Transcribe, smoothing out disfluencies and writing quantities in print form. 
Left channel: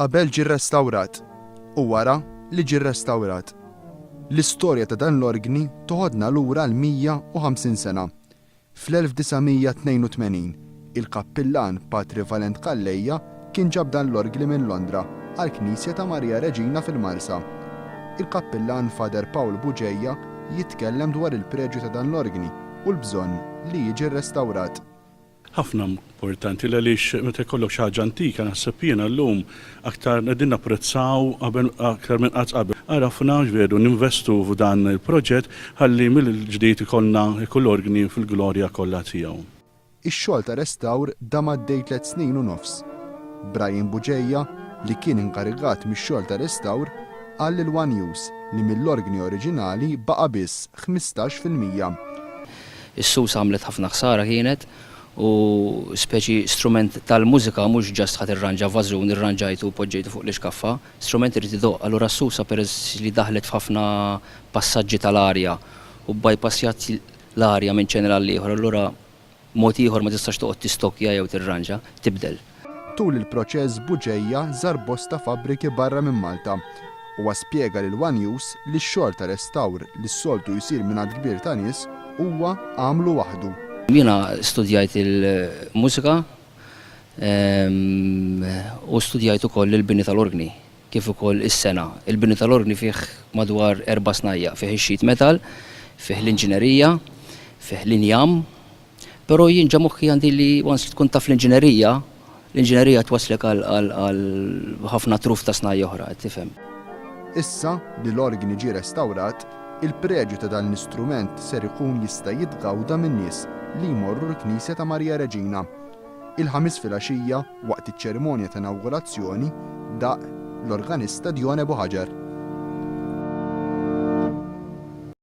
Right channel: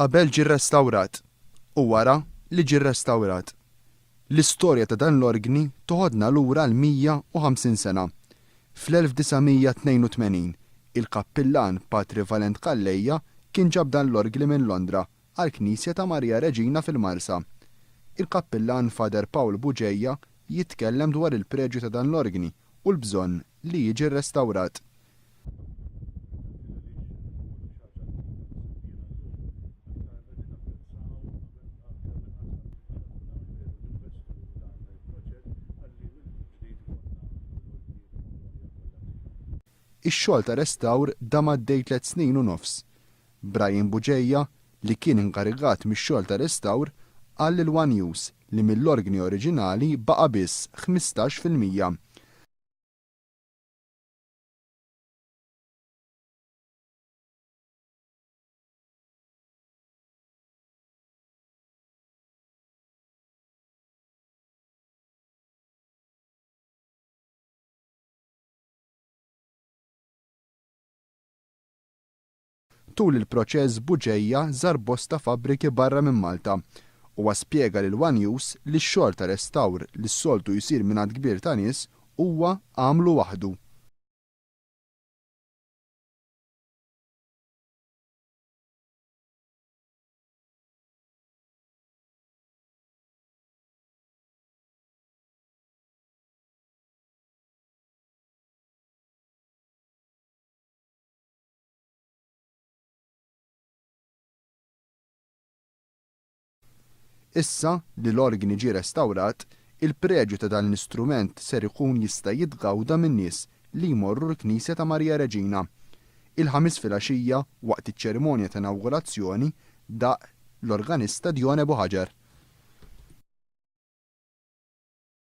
qabel ġie rrestawrat u wara li ġie rrestawrat. L-istorja ta' dan l-organi toħodna lura l-150 sena. Fl-1982 il-kappillan Patri Valent Kallejja kien ġab dan l-orgli minn Londra għall-Knisja ta' Marija Reġina fil-Marsa. Il-kappillan Fader Paul Buġejja jitkellem dwar il-preġju ta' dan l-organi u l-bżonn li jiġi rrestawrat. Ħafna importanti għaliex meta jkollok xi ħaġa antika naħseb jiena llum aktar qegħdin napprezzaw aktar minn qatt qabel. Arafna veru ninvestu f'dan il-proġett ħalli mill-ġdid ikollna kull organi fil-glorja kollha tiegħu. Ix-xogħol ta' restawr dam għaddej 3 snin u nofs. Brian Buġejja li kien inkarigat mix-xogħol ta' restawr qal lil One Use li mill-organi oriġinali baqa' biss 15%. Is-sus għamlet ħafna ħsara kienet u speċi strument tal-mużika mhux ġast ħadd irranġa vażun irranġajtu u poġġejtu fuq l-ixkaffa, strument irid idoqq. Allura s-susa peress li daħlet f'ħafna passaġġi tal-arja u bypassjat l-arja minn ċenera għal ieħor, allura mod ieħor ma tistax toqgħod tistokja jew tirranġa, tibdel. Tul il-proċess Buġejja żar bosta fabbriki barra minn Malta u spjega lil One Use li x-xogħol ta' restawr li s-soltu jsir minn għand kbir ta' nies huwa għamlu waħdu. Jiena studjajt il-mużika u studjajt ukoll il-bini tal-organi kif ukoll is-sena. Il-bini tal-organi fih madwar 4 snajja, fih ix-sheet metal, fih l-inġinerija, fih l-injam, però jien ġa moħħi għandi li once tkun taf l-inġinerija twaslek għal ħafna truf ta' snajja oħra, tifhem. Issa li l-organi ġie restawrat, il-preġju ta' dan l-istrument ser ikun jista' jitgawda min-nies li jmorru l-Knisja ta' Marija Reġina. Il-ħamis filgħaxija waqt iċ-ċerimonja ta' inawgurazzjoni daq l-organista Djone Buħaġar.